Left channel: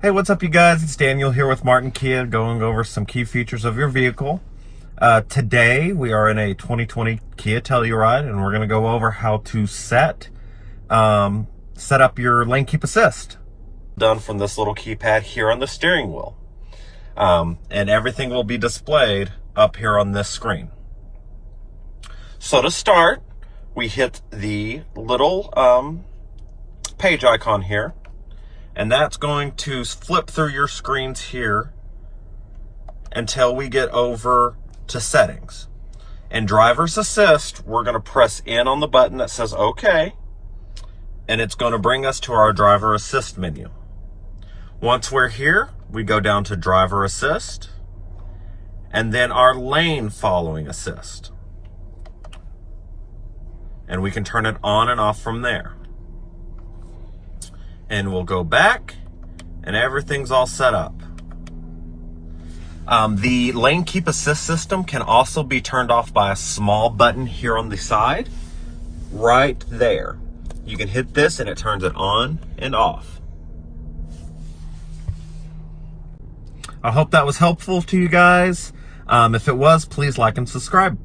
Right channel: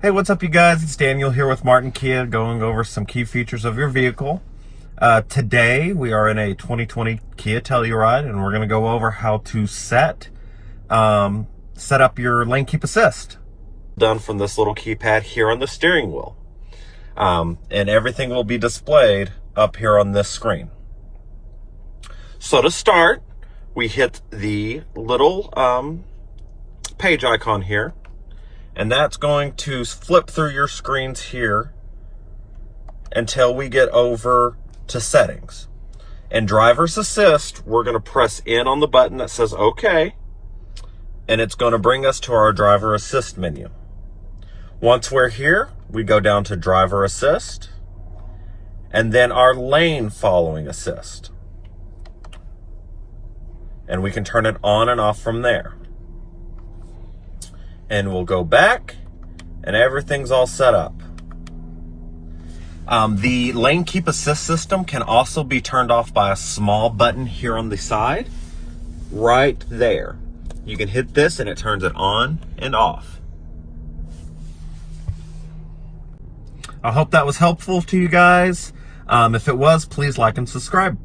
Hey, what's up, you guys? It's Daniel here with Martin Kia, going over some key features of your vehicle. Today, we are in a 2020 Kia Telluride, and we're going to go over how to set up your lane keep assist. Done from this little keypad here on the steering wheel. And everything will be displayed up here on this screen. So to start, we hit the little page icon here. And that's going to flip through your screens here until we get over to settings. In driver's assist, we're going to press in on the button that says OK, and it's going to bring us to our driver assist menu. Once we're here, we go down to driver assist, and then our lane following assist. And we can turn it on and off from there. And we'll go back, and everything's all set up. The lane keep assist system can also be turned off by a small button here on the side, right there. You can hit this and it turns it on and off. I hope that was helpful to you guys. If it was, please like and subscribe.